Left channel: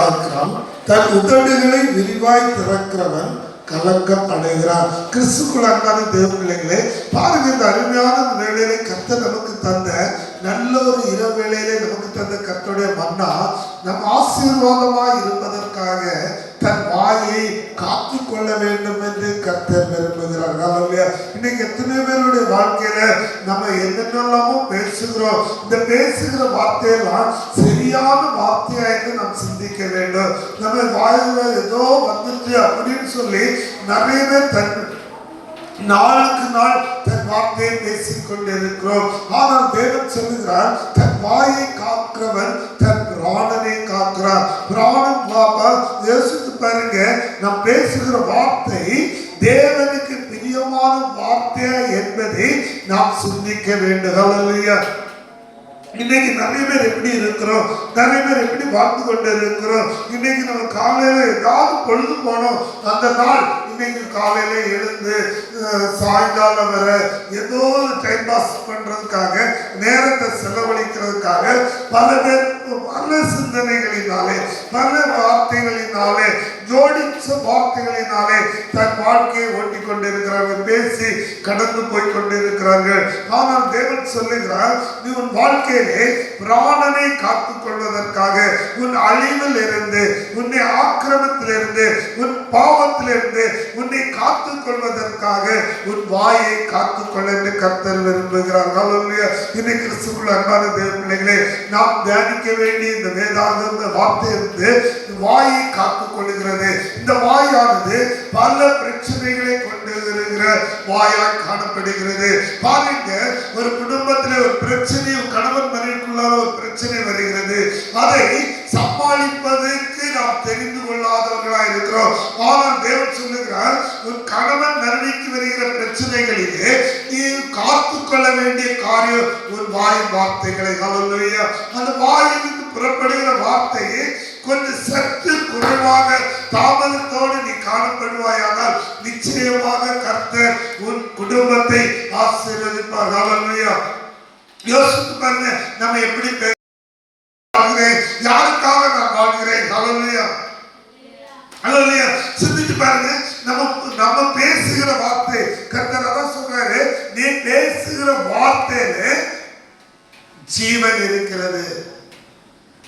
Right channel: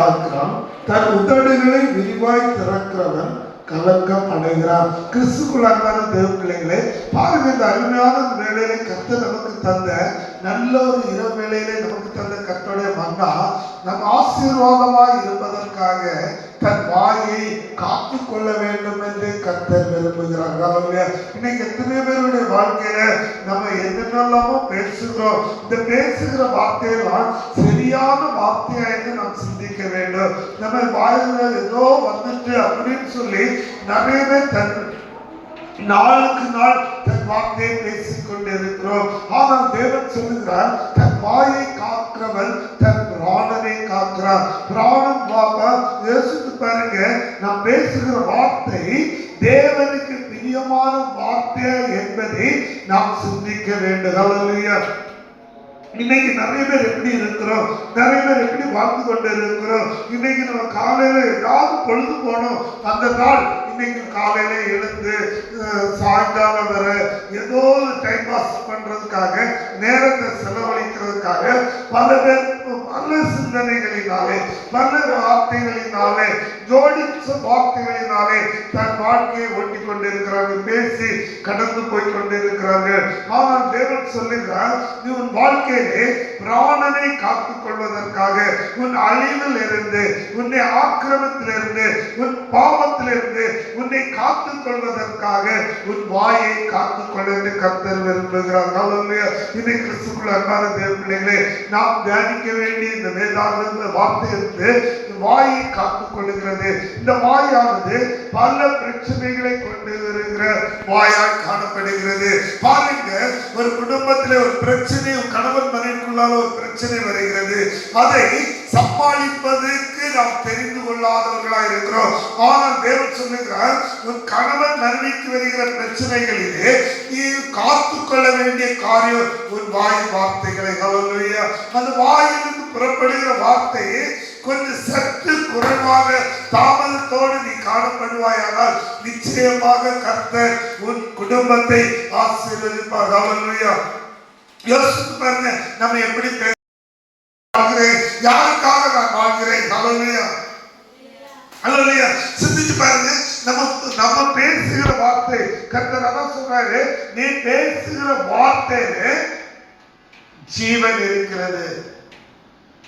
காக்கிறான் தன் உதடுகளை விரிவாய் திறக்கிறவன் கலக்கம் அடைகிறான். கிறிஸ்துக்குள் அன்பான தேவ பிள்ளைகளே பாருங்க இந்த அருமையான வேளையில கத்த நமக்கு தந்த நல்ல ஒரு இரவு வேளையிலே நமக்கு தந்த கத்தோடைய மன்னா நம் ஆசீர்வாதமாக இருப்பதற்காக தன் வாயை காத்து கொள்ள வேண்டும் என்று கர்த்தர் விரும்புகிறார். ஹalleluya. இன்னைக்கு எத்தனை பேருடைய வாழ்க்கையில நம்ம என்னென்னலாமோ பேசுகிறோம். இந்த பேசுகிற வார்த்தையெல்லாம் தெரியாத வார்த்தையாய்க்கு நாம் சிந்திக்க வேண்டும். நம்ம வாயில ஏதோ வந்துச்சு அப்படின்னு சொல்லி நிறைய பேர் தன் நாளுக்கு நாள் தன் வார்த்தையை பேசிக் கொண்டிருக்கிறோம். ஆனால் தேவன் சொல்லுகிறார் தன் வாயை காக்கிறவன் தன் பிராணனை காக்கிறார் பிராணம் பாப்பா யோசித்து பாருங்க நாம் பேசுகிற வார்த்தை தேவனுக்கு பிரியமான வார்த்தையா என்பதை நாம் சிந்திக்க வேண்டும். இன்னைக்கு நிறைய பேர் எப்படி இருக்கிறோம்? நிறைய பேர் எப்படி வாழ்ந்து கொண்டு இருக்கிறோம்? இன்னைக்கு நம்ம காலையில ஏதாவது பொழுது போனோம். அந்த நாள் இன்னைக்கு காலையில எழுந்து சாயங்காலம் வர ஏதோ டைம் பாஸ் பண்றதுக்காக நேரத்தை செலவழிக்கிறதுக்காக பல பேர் பல சிந்தனைகளினாலே பல வார்த்தைகளினாலே ஜோடிச்ச வார்த்தைகளினாலே தன் வாழ்க்கையை கொண்டிருக்கிறார்கள் பேசி கடந்து போய் கொண்டிருக்கிறார்கள் ஆனால் தேவன் சொல்லுகிறார் நீ உன் வாழ்க்கையிலே பிராணனை காத்துக் கொள்வதற்காக உன் அழிவில் இருந்து உன்னை ஆக்கிரமத்திலிருந்து உன் பாவத்திலிருந்து உன்னை காத்துக் கொள்வதற்காக உன் வாயை காத்துக் கொள்ள என்று கர்த்தர் விரும்புகிறார். இன்னைக்கு கிறிஸ்துக்குள்ள அன்பான தேவ பிள்ளைகளே நாம் தியானிக்க வேண்டிய இந்த வேதாந்த வார்த்தை இருந்து வாய் தேவன் சொல்லுகிறார் உன் கணவன் மனைவிக்கு வருகிற பிரச்சனைகளிலே நீ காத்துக் கொள்ள வேண்டிய காரியம் உன் வாய் வார்த்தைகளை. ஹalleluya. அந்த வாயிலிருந்து புறப்படுகிற வார்த்தையை கொஞ்சம் சற்று குறைவாக தாமதத்தோடு நீ காணப்படுவாயானால் நிச்சயமாக கர்த்தர் உன் குடும்பத்தை ஆசீர்வதிப்பார். ஹalleluya. யோசித்து பாருங்க நம்ம எப்படி பே- வாழ்கிறேன் யாருக்காக நான் வாழ்கிறேன் ஹalleluya ஹalleluya சிந்திச்சு பாருங்க நம்ம நம்ம பேசுகிற வார்த்தை கர்த்தர் அதான் சொல்றாரு நீ பேசுகிற வார்த்தையில ஜீவன் இருக்கிறது.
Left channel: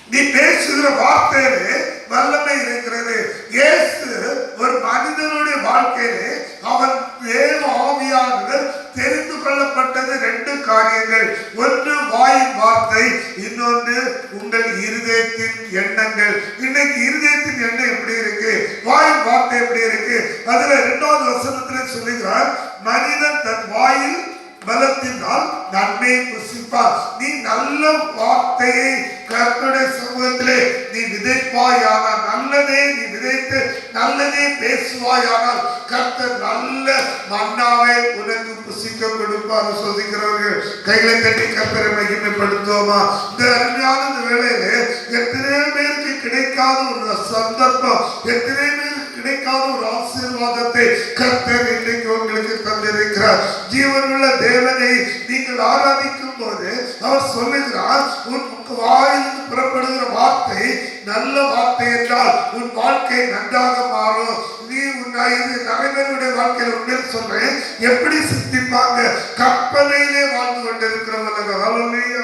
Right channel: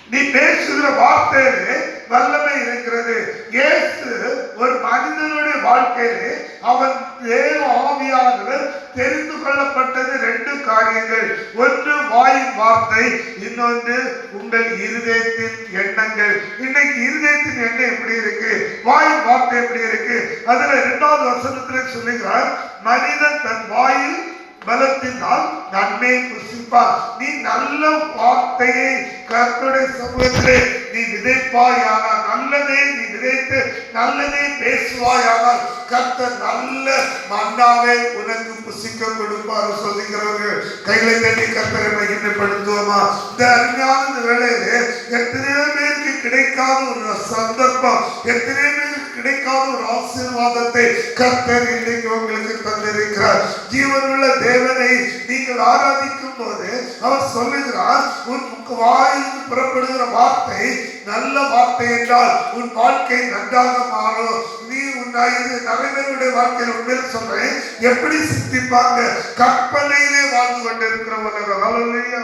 நீ பேசுகிற வார்த்தையிலே வல்லமை இருக்கிறது. இயேசு ஒரு மனிதனுடைய வாழ்க்கையிலே அவன் ஏழு ஆவியானவர் தெரிந்து கொள்ளப்பட்டது ரெண்டு காரியங்கள். ஒன்று வாயின் வார்த்தை இன்னொன்று உங்கள் இருதயத்தின் எண்ணங்கள். இன்னைக்கு இருதயத்தின் எண்ணம் எப்படி இருக்கு? வாயின் வார்த்தை எப்படி இருக்கு? அதுல இரண்டாவது வசனத்துல சொல்லுகிறார் மனிதன் தன் வாயில் பலத்தினால் நன்மை புசிப்பார். நீ நல்ல வார்த்தையை கற்பனை சமூகத்திலே நீ விதைப்பாயானால் நல்லதே நீ விதைத்து நல்லதே பேசுவாயானால் கர்த்தர் நல்ல மன்னாவை உனக்கு புசிக்க கொடுப்பார். சொல்லுகிறவர்கள் கையில தட்டி கர்த்தரை மகிமைப்படுத்துவோமா? இந்த அருமையான இந்த வேளையிலே எத்தனையோ பேருக்கு கிடைக்காத ஒரு சந்தர்ப்பம் எத்தனையோ கிடைக்காத ஒரு ஆசீர்வாதத்தை கர்த்தர் இன்றைக்கு உங்களுக்கு தந்திருக்கிறார். ஜீவனுள்ள தேவனை நீங்கள் ஆராதிக்கும் போது அவர் சொல்லுகிறார் உன் வாயிலிருந்து புறப்படுகிற வார்த்தை நல்ல வார்த்தை என்றால் உன் வாழ்க்கை நன்றாக மாறும். நீ உன் இது நிறைய பேருடைய வாழ்க்கையில சொல்றேன். எப்படி சித்திப்பாங்க கற்பனையிலே வாழ்ந்து கொண்டிருக்கிறவர்கள். ஹalleluya.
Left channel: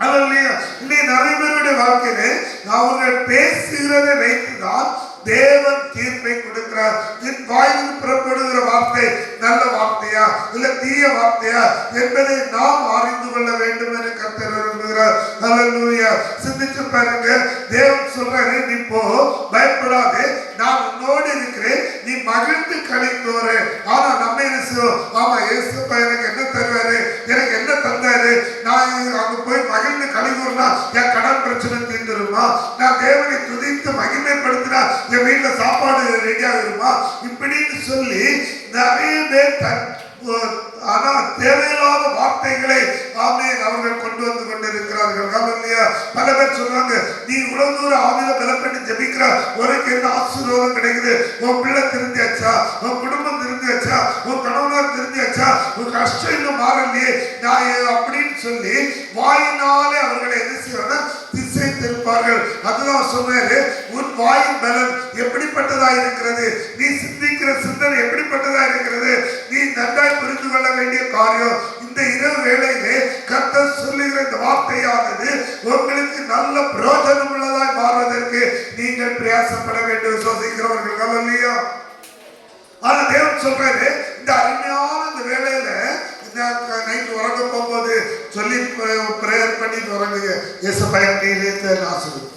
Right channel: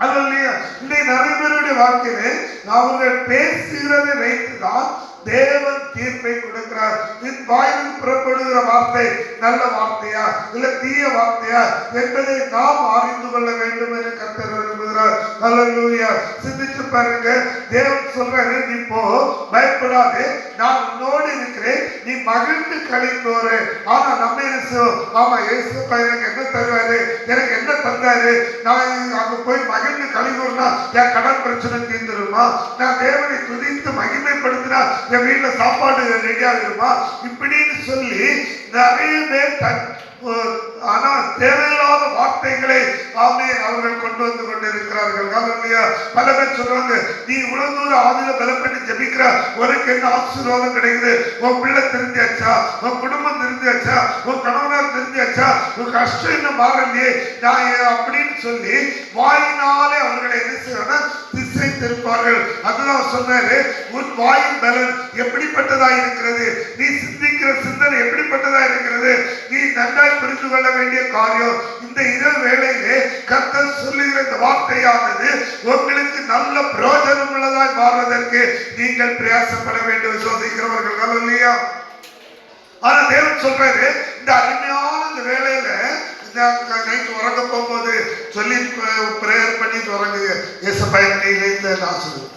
ஹalleluya. இன்னைக்கு நிறைய பேருடைய வாழ்க்கையிலே அவர்கள் பேசுகிறதை வைத்துதான் தேவன் தீர்ப்பை கொடுக்கிறார். என் வாயில் புறப்படுகிற வார்த்தை நல்ல வார்த்தையா? இல்ல தீய வார்த்தையா? என்பதை நாம் அறிந்து கொள்ள வேண்டும் என்று கத்தர் விரும்புகிறார். ஹalleluya சிந்திச்சு பாருங்க. தேவன் சொல்றாரு நீ போ பயப்படாதே. நான் உன்னோடு இருக்கிறேன். நீ மகிழ்ந்து கலைந்தோரு ஆனா நம்ம ஆமா இயேசு பையனுக்கு என்ன தருவாரு? வந்தாரு நான் அங்க போய் மகிழ்ந்து கலைந்தோம்னா என் கடன் பிரச்சனை தீர்ந்துருமா? நான் தேவனை துதித்து மகிமைப்படுத்தினா என் வீட்டுல சாப்பாடு ரெடி ஆகிருமா? இப்படின்னு சொல்லி நிறைய பேர் ஆனா தேவையில்லாத வார்த்தைகளை ஆமே அவர்கள் கொண்டு வந்து கொண்டிருக்கிறார்கள். பல பேர் சொல்றாங்க நீ இவ்வளவு தூரம் ஆவியில பலப்பட்டு ஜபிக்கிற உனக்கு என்ன ஆசீர்வாதம் கிடைக்குது? உன் பிள்ளை திருந்தியாச்சா? உன் குடும்பம் திருந்தியாச்சா? உன் கஷ்டம் என்ன மாறலையே நான் அப்படின்னு சொல்லி வாயினாலே அவர்களை என்ன செய்வாங்க? திசை திருப்பார்கள். அதுதான் சொன்னாரு உன் வாயின் பலன் எப்படிப்பட்டதா இருக்கிறது? நீ சிந்திக்கிற சிந்தனை எப்படிப்பட்டதா இருக்கிறது? நீ நன்றாய் புரிந்து கொள்ள வேண்டிய காரியம் இந்த இரவு வேளையிலே கர்த்தர் சொல்லுகிற இந்த வார்த்தையானது உங்களுக்கு நல்ல பிரயோஜனம் உள்ளதாய் மாறுவதற்கு நீங்கள் பிரயாசப்பட வேண்டும். விசுவாசிக்கிறவர்கள். இல்லையா ஆனா தேவன் சொல்றாரு இந்த அருமையான இந்த வேலையில நைட் உறங்க போகும்போது சொல்லி பிரேயர் பண்ணி உறங்குங்க ஏசப்பா கையிலேருந்து ஆசிரியர்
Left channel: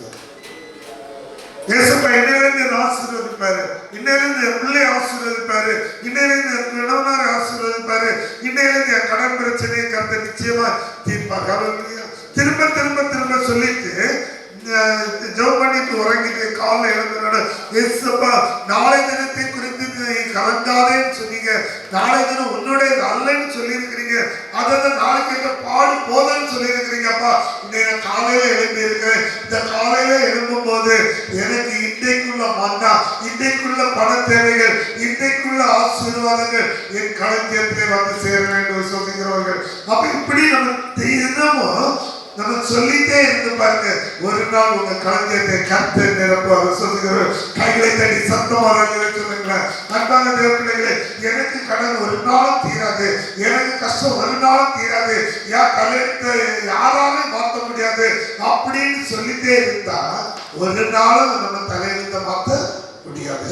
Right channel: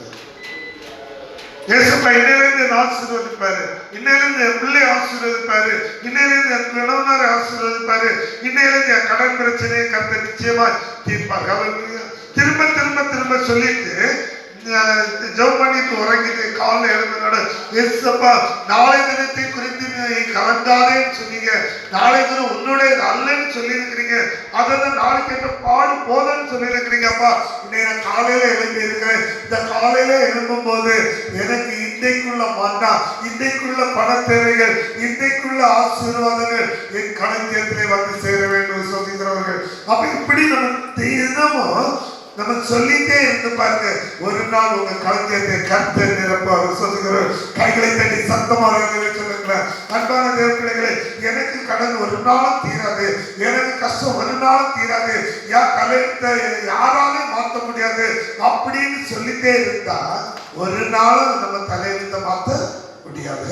ஏசப்பா இன்னிலிருந்து என்னை ஆசீர்வதிப்பாரு. இன்னிலிருந்து என் பிள்ளை ஆசீர்வதிப்பாரு. இன்னிலிருந்து என் கணவனாரை ஆசீர்வதிப்பாரு. இன்னிலிருந்து என் கடன் பிரச்சனையை கருத்து நிச்சயமா தீர்ப்பார். அவருக்கு திரும்ப திரும்ப திரும்ப சொல்லிட்டு ஜெபம் பண்ணிட்டு உறங்கிட்டு காலைல எழுந்தனால ஏசப்பா நாளை தினத்தை குறித்து நீ கலந்தாதேன்னு சொன்னீங்க. நாளை தினம் உன்னுடைய அல்லன்னு சொல்லி அதான் நாளைக்கு என்ன பாடு போதுன்னு சொல்லியிருக்கிறீங்கப்பா இன்னைக்கு நான் காலையில எழுப்பி இருக்கிறேன் இந்த காலையில எழும்பும் போது எனக்கு இன்றைக்குள்ள மன்னா இன்றைக்குள்ள பண தேவைகள் இன்றைக்குள்ள ஆசீர்வாதங்கள் என் களத்திலே வந்து சேர வேண்டும் சொல்லுகிறவர்கள். அப்ப இப்படி நம்ம நம்ம சொல்லிட்டே இருந்து பாருங்க. ஒரு நாள் உங்க களஞ்சியத்தை கருத்து நிரப்ப சொல்லுகிறோம் கைகளை தட்டி சத்தமாக சொல்லுங்களேன். அன்பான தேவ எனக்கு கடன் ஒரு நாள் தீராது. எனக்கு கஷ்டம் ஒரு நாள் தீராது. யா தலையத்தை யாராலும் மாற்ற முடியாது. அப்படின்னு சொல்லிட்டே இருந்தா ஒரு நாளும் நம்ம தலையெழுத்த மாத்த முடியாது.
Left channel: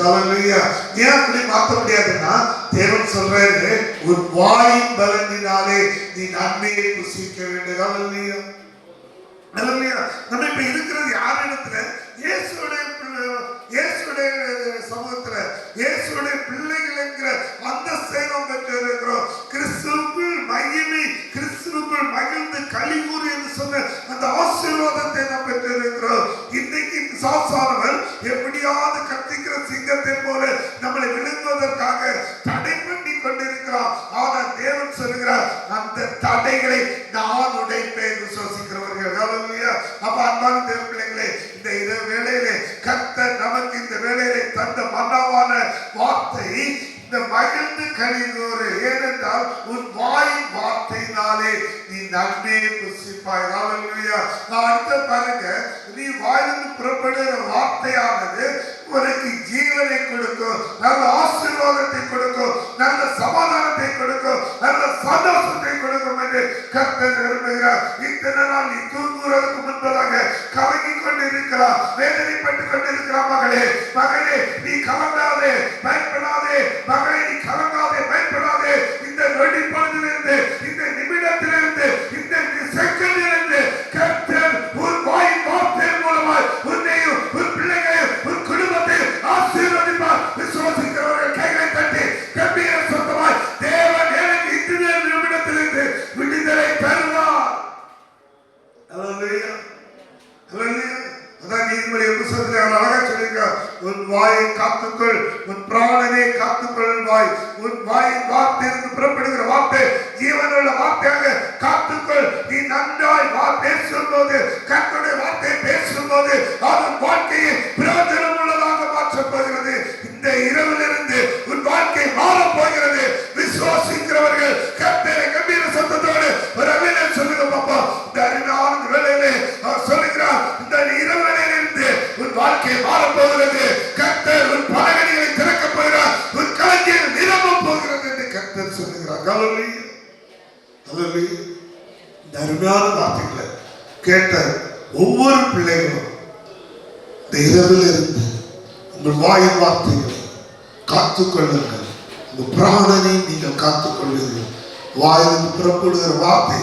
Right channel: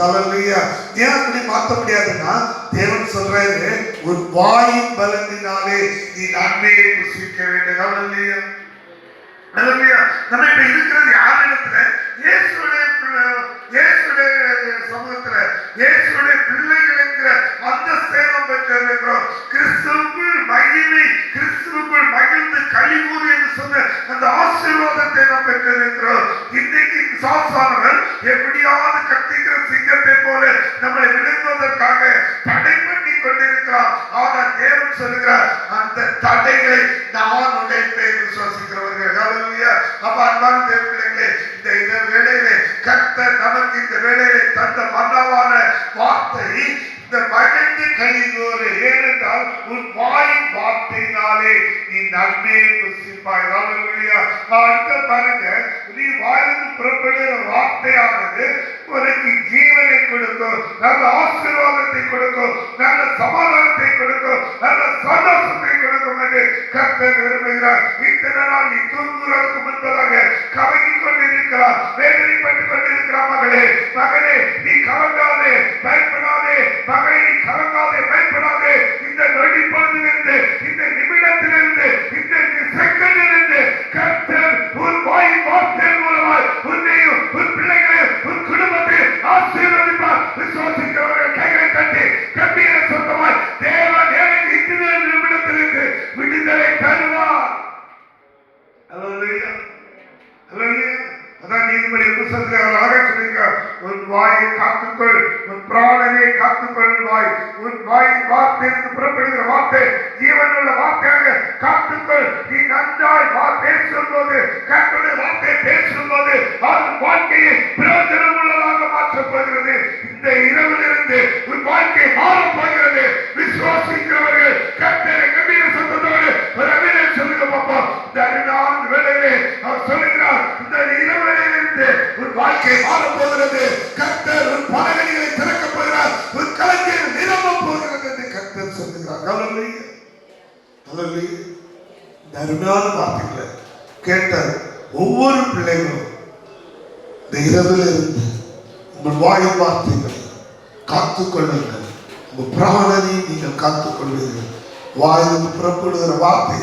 ஏன் அப்படி மாத்த முடியாதுன்னா தேவன் சொல்றாரு ஒரு வாய் பலனினாலே நீ நன்மையை புசிக்க வேண்டும். ஹalleluya நம்ம இப்ப இருக்கிறது யார் இடத்துல? இயேசுடைய பிள்ளை- இயேசுடைய சமூகத்துல இயேசுடைய பிள்ளைகள் என்கிற அந்த சேதம் பெற்றிருக்கிறோம் கிறிஸ்துவுக்குள் மகிமை கிறிஸ்துவுக்குள் மகிழ்ந்து கழிவுறு என்று சொன்ன அந்த ஆசீர்வாதத்தை நாம் பெற்றிருக்கிறோம் இன்னைக்கு சாசானவர் எப்படியாவது கத்திக்கிற சிங்கத்தை போல நம்மளை விழுங்குவதற்காக தடை பண்ணி கொண்டிருக்கிறார். ஆனால் தேவன் சொல்கிறார் நமக்கு இந்த வேலையை தந்த மன்னவான வார்த்தை இந்த மகிழ்ந்து கழிந்தோரு ஏனென்றால் உன் வாயின் வார்த்தையினாலே நீ நன்மையை புசிப்பாய். ஹalleluya. அடுத்த பாருங்க நீ வாயிலிருந்து புறப்படுகிற வார்த்தையானது உனக்கு ஜீவனை கொடுக்கும் நல்ல ஆசீர்வாதத்தை கொடுக்கும் நல்ல சமாதானத்தை கொடுக்கும் நல்ல சந்தோஷத்தை கொடுக்கும் என்று கர்த்தர் விரும்புகிறார். இத்தனை நாள் நீ தூங்குவதற்கு முன்பதாக கலங்கி கொண்டிருக்கிறார் வேதனைப்பட்டு கொண்டிருக்கிறார் மகளே மகளே நீ கலங்காதே பயப்படாதே மகளே நீதிபதி புத்தகத்தில் அவர் அழகா சொல்லியிருக்கார் உன் வாயை காத்துக்கொள். உன் பிராணனை காத்துக்கொள் வாய். உன் வாயின் வார்த்தையிலிருந்து புறப்படுகிற வார்த்தை ஜீவனுள்ள வார்த்தையாக காத்துக்கொள். நீ நன்றாய் வா பேசும்போது கர்த்தருடைய வார்த்தையை பேசும்போது அது வாழ்க்கையை பிரயோஜனம் உள்ளதாக Hallelujah. இந்த அருமையான வார்த்தைகளை கேட்ட ஒவ்வொரு பிள்ளைகளும் இந்த இரவில் இருந்து உங்கள் வாயின் வார்த்தைகளை காத்துக்கொள்ளுங்கள். உங்கள் பிராணனை நீங்கள் காத்துக்கொள்ளுங்கள் வாயில் புறப்படுகிற வார்த்தை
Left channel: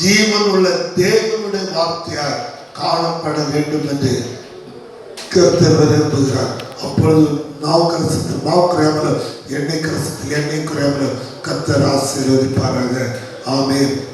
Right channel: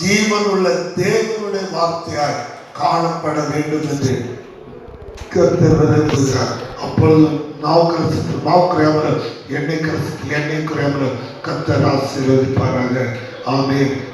ஜீவன் உள்ள தேவனுடைய வார்த்தையாய் காணப்பட வேண்டும் என்று கர்த்தர் விரும்புகிறார். அப்பொழுது மாவு கரசுக்கு மாவு குறையாமல் எண்ணெய் கரசுக்கு எண்ணெய் குறையாமல் கர்த்தர் ஆசீர்வதிப்பாராக. Amén.